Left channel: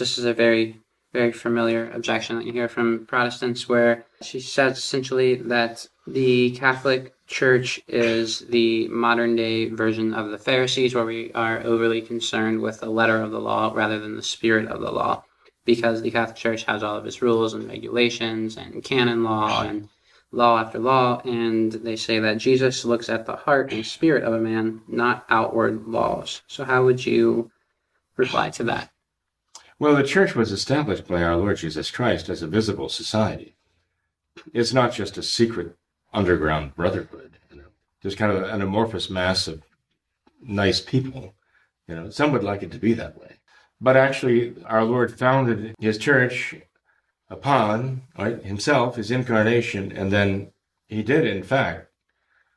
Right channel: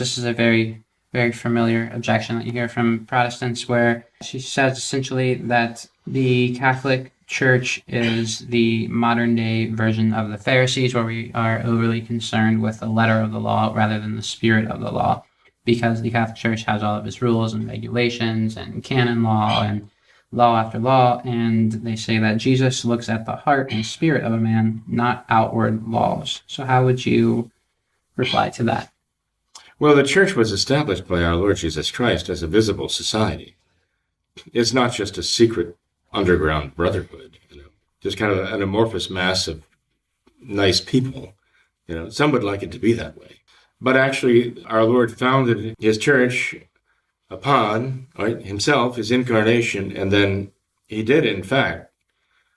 This is a very, very familiar objection that you hear from Protestants, where she says essentially that the Catholic Church is the modern day version of the Pharisees, where we are overly concerned with the letter of the law rather than the spirit of the law, because the Catholic Church has all of its rules and regulations and canon law and law after law, and they say that Jesus looks at the heart and spirit of a man, not outward laws. So how would you reply to that? Well, the church was established by our Lord Jesus Christ as a visible society. It's not just a secret underground brotherhood, just kind of an amorphous mass of nice people. Some would like it to be that way. But actually, our Lord founded his church upon himself, his incarnation, and then he did, in fact,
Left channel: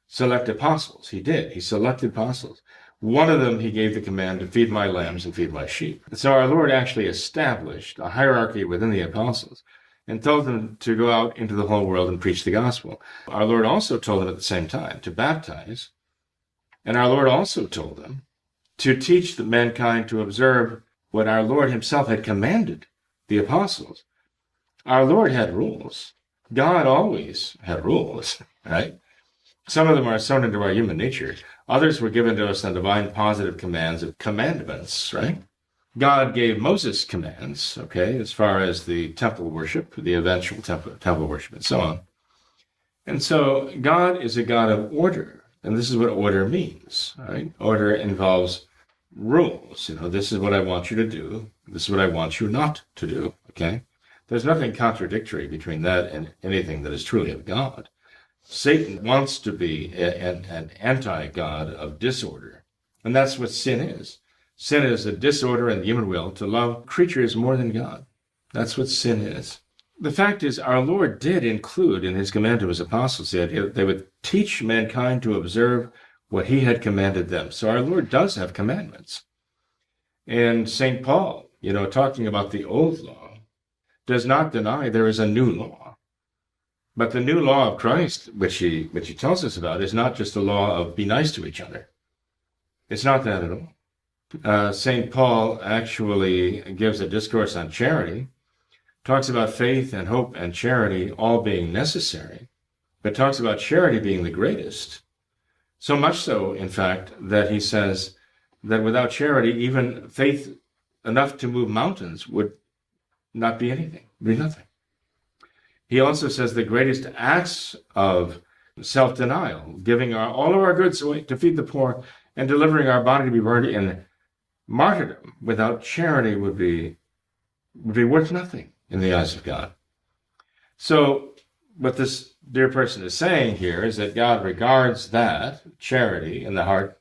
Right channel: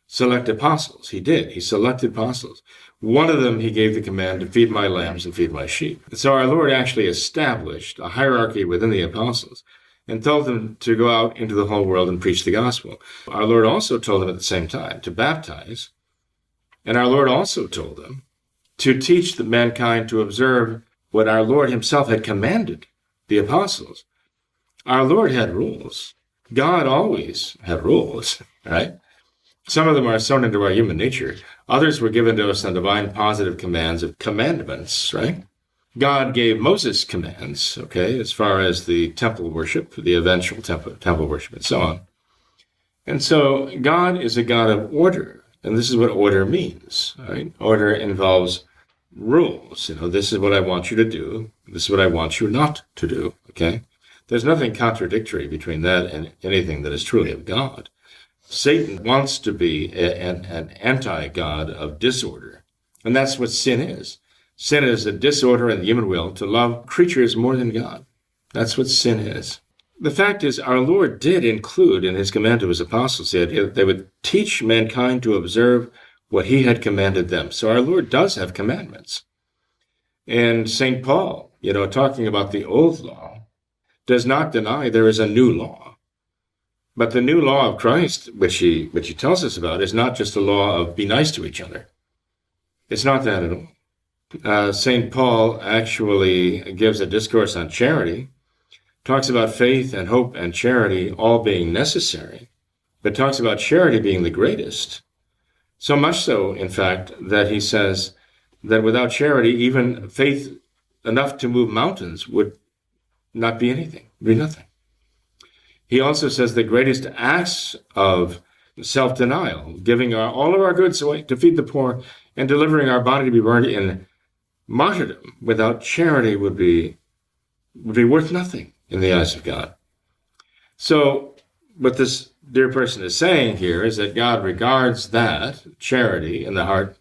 select apostles. He selected apostles. One of them, he gave the command to feed my lambs and feed my sheep. So our Lord actually established a hierarchy within the apostles and told them to go out into the whole world and preach the gospel. Our Lord also told them at the same time to baptize, and our Lord also told them to teach the mankind to observe what our Lord himself had commanded the apostles. Our Lord had rules. God always had rules, right? Some of them are sewn into our human nature. Others were given to us on divine positive commands of commandments, right? God gave Moses commands, as far as the temple worship, the eventual temple worship, and so on. And so God is a God of order, and this is what order means, right? Order involves rules. This is what I want you to do. This is what I want you not to do, okay? There's nothing contradictory between that and anything that is truly of God. Satan wants to be an anti-God of disorder, and that's what sin is. Sin is a disorder in the human will to love creatures more than God. That's what sin is. The fact is, our Lord did include in his command to his apostles that they would teach mankind to observe what he had commanded them. So our Lord does have commandments. And St. Paul, talking about the old law, does not deny there is a new law. But the new law of Christ, which he tells us about, is not just a law of be nice to each other. It's not that at all. St. Paul actually gives a discourse on charity, talks about faith and hope and charity all being necessary, but talks about charity being the greatest. So much so, in fact, that he says that without charity, even faith enough to move mountains would not be anything, be nothing. He also says the greatest acts of self-denial, giving all of our goods away to feed the poor and delivering our body to be burned in martyrdom without charity would be worth nothing in the eyes of God. So what this dear person is saying here is that God regards that charity in the heart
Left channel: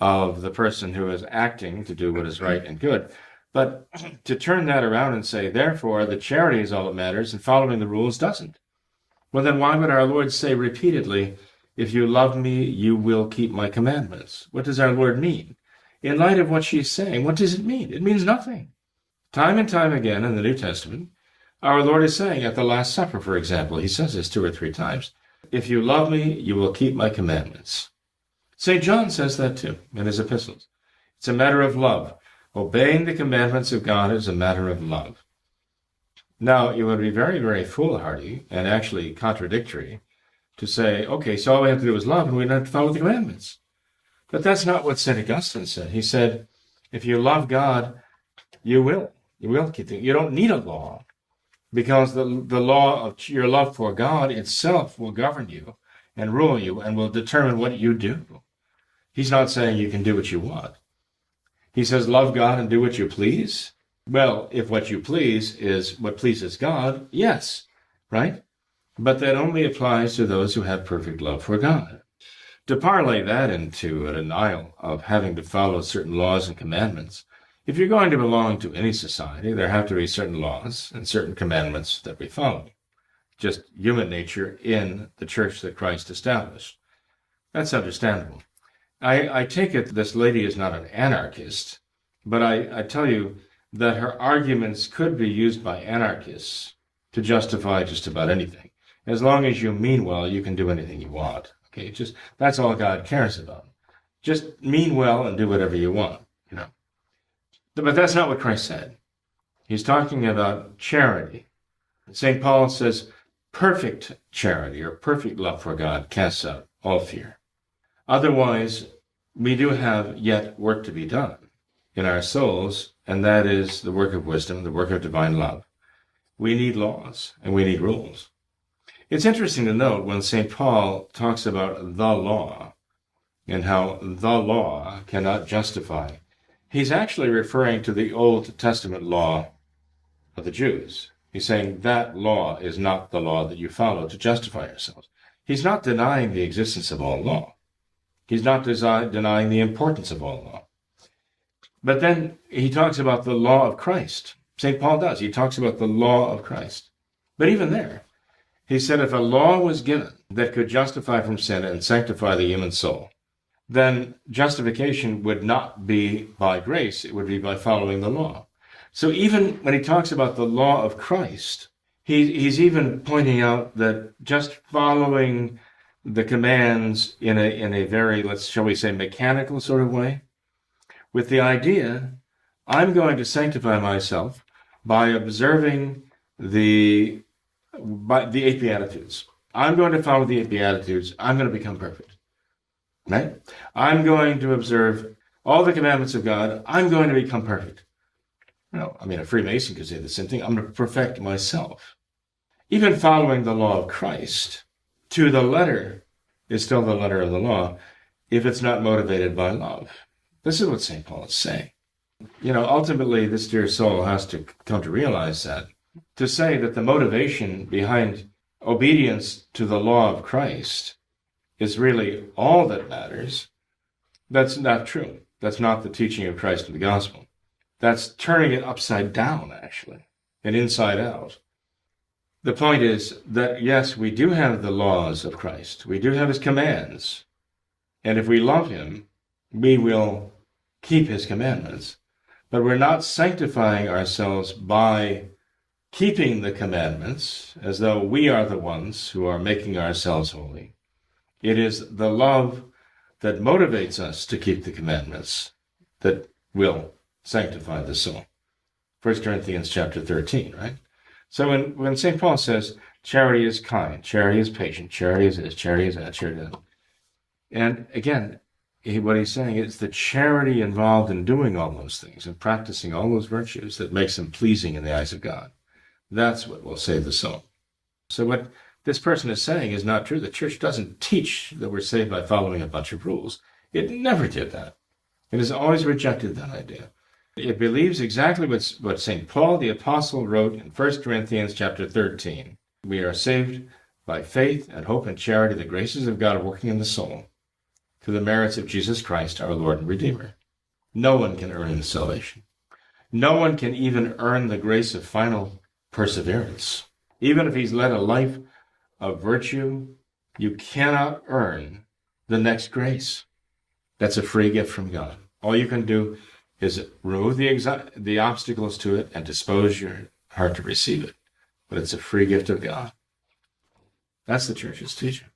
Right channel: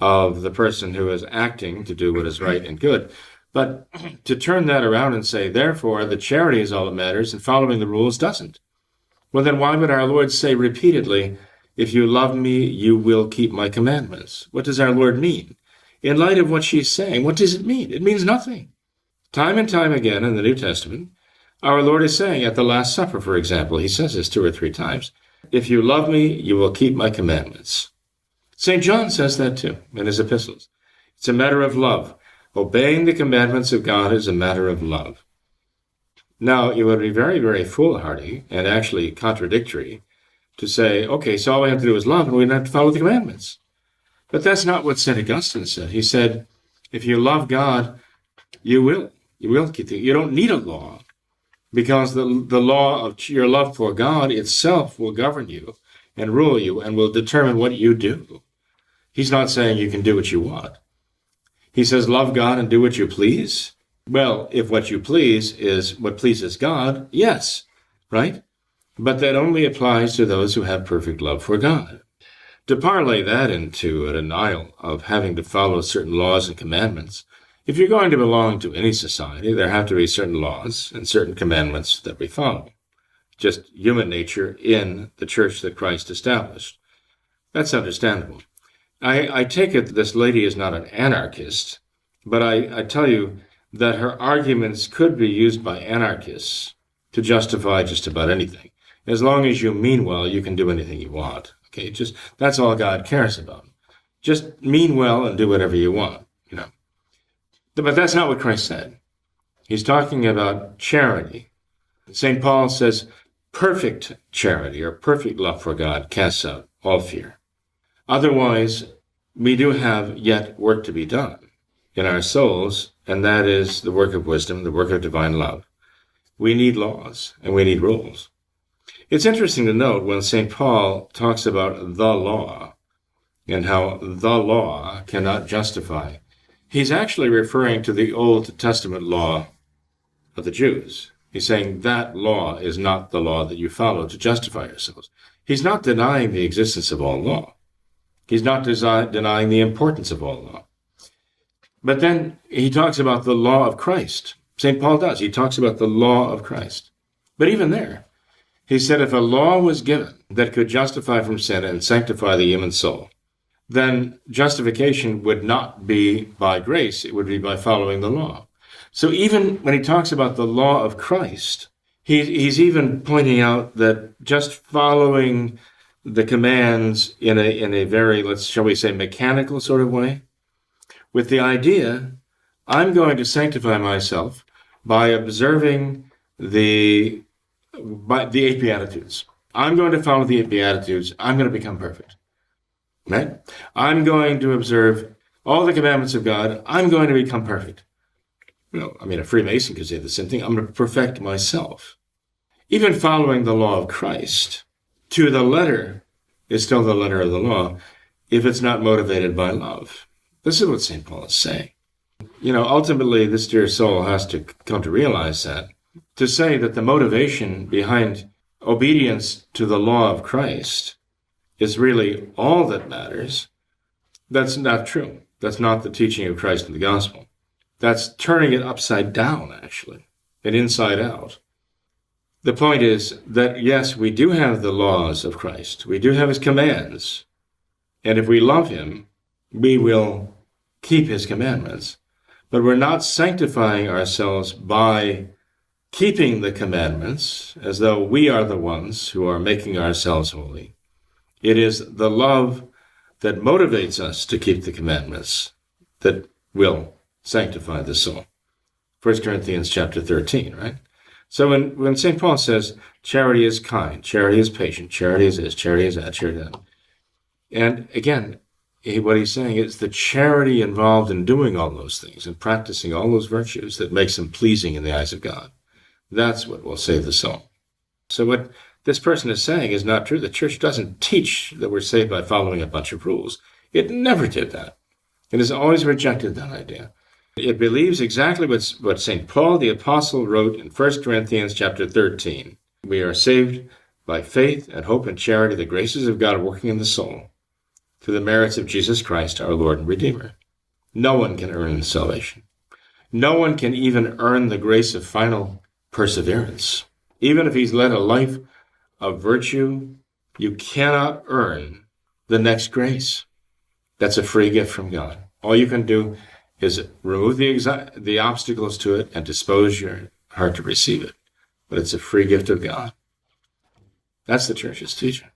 of the person who is acting to do what is right and good. But to turn that around and say, therefore, the charity is all that matters and following the rules doesn't. Well, then why would our Lord say repeatedly, if you love me, you will keep my commandments? What does our Lord mean? In light of what she's saying, what does it mean? It means nothing. Time and time again in the New Testament, our Lord is saying at the Last Supper, for example, he says this 2 or 3 times, if you love me, you will keep my commandments. St. John says that too in his epistles. It's a matter of love. Obeying the commandments of God is a matter of love. Now, it would be very, very foolhardy and actually contradictory to say, okay, so all we have to do is love and we don't have to follow the commandments. But that's not what St. Augustine said. He said, if you love God, you will keep it. You don't need a law because the law of your love for God itself will govern you and rule you and will determine what you do. He's not saying you can do what you want. He says, love God and do what you please. Well, if what you please is what pleases God, yes, right? But that only applies to those who have perfect love for God. To parlay that into a denial of having to follow certain laws and commandments, if you're going to belong to any society, there have to be certain laws and certain commandments that we follow. Just human nature in the church that Christ established. That's understandable. I take it this lady is not an anarchist, but I tell you that her arguments could be used by anarchists to justify just about anything. As long as you mean well, you can do anything you want. Okay, that's all God cares about. Just mean well and do whatever you want, But that's not what Christ said. He's talking about charity. St. Paul says perfect charity or perfect love for God casts out all fear. Otherwise, we do have yet work to be done in our souls, and that is the work of wisdom, the work of divine love. We need laws and we need rules. It's interesting to note when St. Paul talks about the law and how the law cannot justify, he's actually referring to the Old Testament law of the Jews. He's saying that law is not the law that you follow to justify yourselves. He's not denying the existence of all law. He's not denying the importance of all law. But then he talks about the law of Christ. St. Paul does. He talks about the law of Christ. But even there, he said if a law was given that could justify from sin and sanctify the human soul, then justification would not be by grace, it would be by following the law. So even when he talks about the law of Christ, he's even pointing out that just following the commands in a very, shall we say, mechanical sort of way, with the idea, I'm going to sanctify myself by observing the 8 Beatitudes. I'm going to follow the 8 Beatitudes. I'm going to become perfect. Right? I'm going to observe all the commandments of God. I'm going to become perfect. No, I mean, a Freemason could say the same thing. I'm going to perfect myself. Even following the law of Christ to the letter is still the letter of the law if it's not motivated by love. This is what St. Paul is saying. Ultimately, this dear soul has to come to realize that. To say that the motivation behind obedience to the law of Christ is really all that matters, that's not true. That's not the teaching of Christ in the gospel. That's turning it upside down, actually, and inside out. The point is that, yes, we do have the laws of Christ. We do have his commands. And if we love him, we will keep his commandments. But we're not sanctifying ourselves by keeping the commandments as though we are the ones who are making ourselves holy. It is the love that motivates us to keep the commandments that will sanctify the soul. 1 Corinthians chapter 13, right? So when St. Paul says charity is kind, charity is patient, charity is this, charity is that, charity is that. And again, what he's saying is the charity involved in doing all those things and practicing all those virtues that makes them pleasing in the eyes of God. That's what will save the soul. So what this person is saying is not true. The church doesn't teach that we're saved by following a bunch of rules. It never did that. It has always rejected that idea. It believes exactly what St. Paul the Apostle wrote in 1 Corinthians chapter 13. We are saved by faith and hope and charity, the graces of God working in the soul, through the merits of Jesus Christ, our Lord and Redeemer. No one can earn salvation. No one can even earn the grace of final perseverance. Even if he's led a life of virtue, you cannot earn the next grace. That's a free gift from God. All you can do is remove the obstacles to it and dispose your heart to receive it. But it's a free gift of God. That's the church's teaching.